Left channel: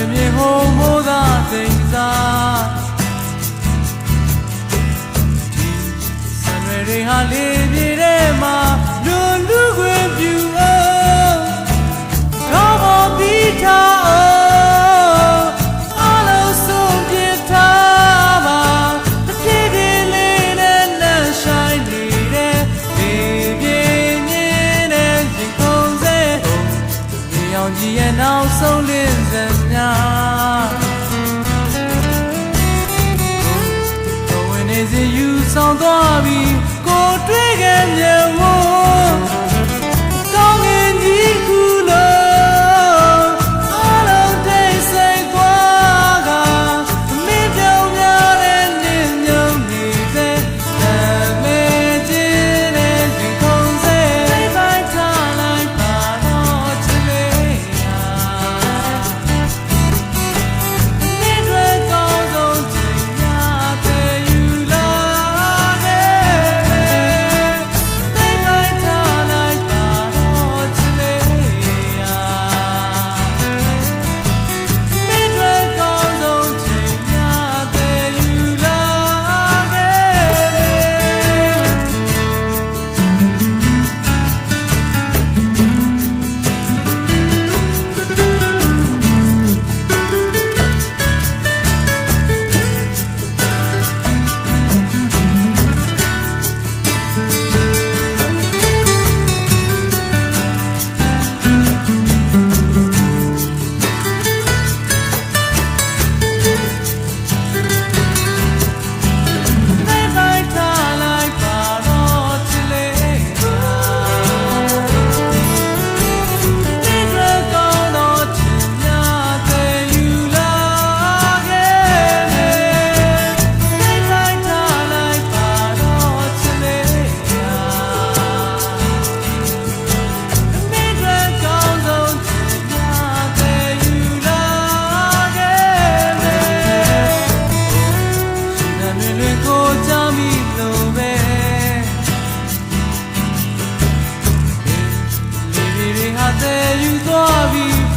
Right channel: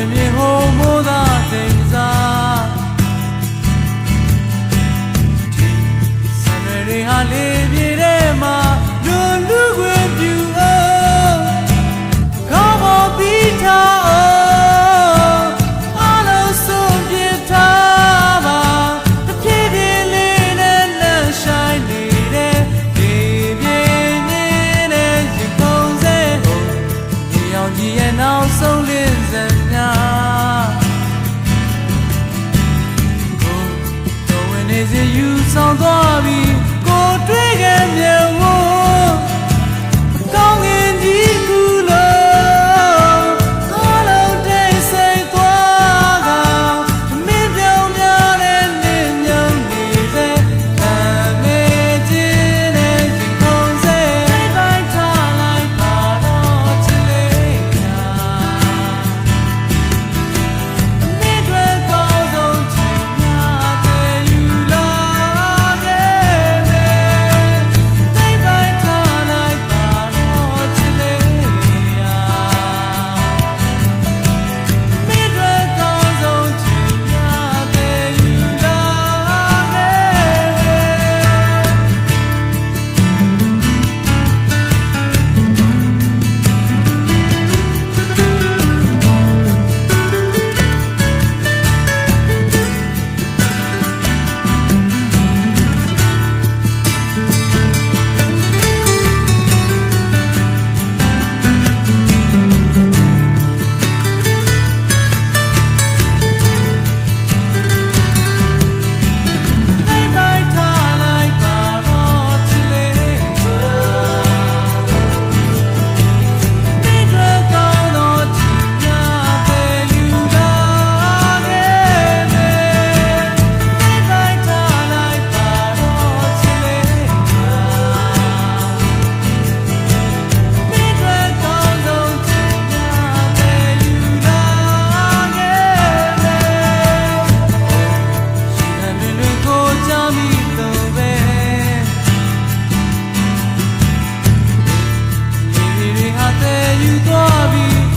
တွင်မြေဟုံးမိုးသာတိမ်စားဒီစံတွေတွေဟာလေးပြေထဲမှာ ရဲ့နောက်ဆုံးလင်းစံများကိုတော်ဝင်နေစီယူဆောင်သွားပြီးကိုတွေ့ခဲ့မြေဝ até a dói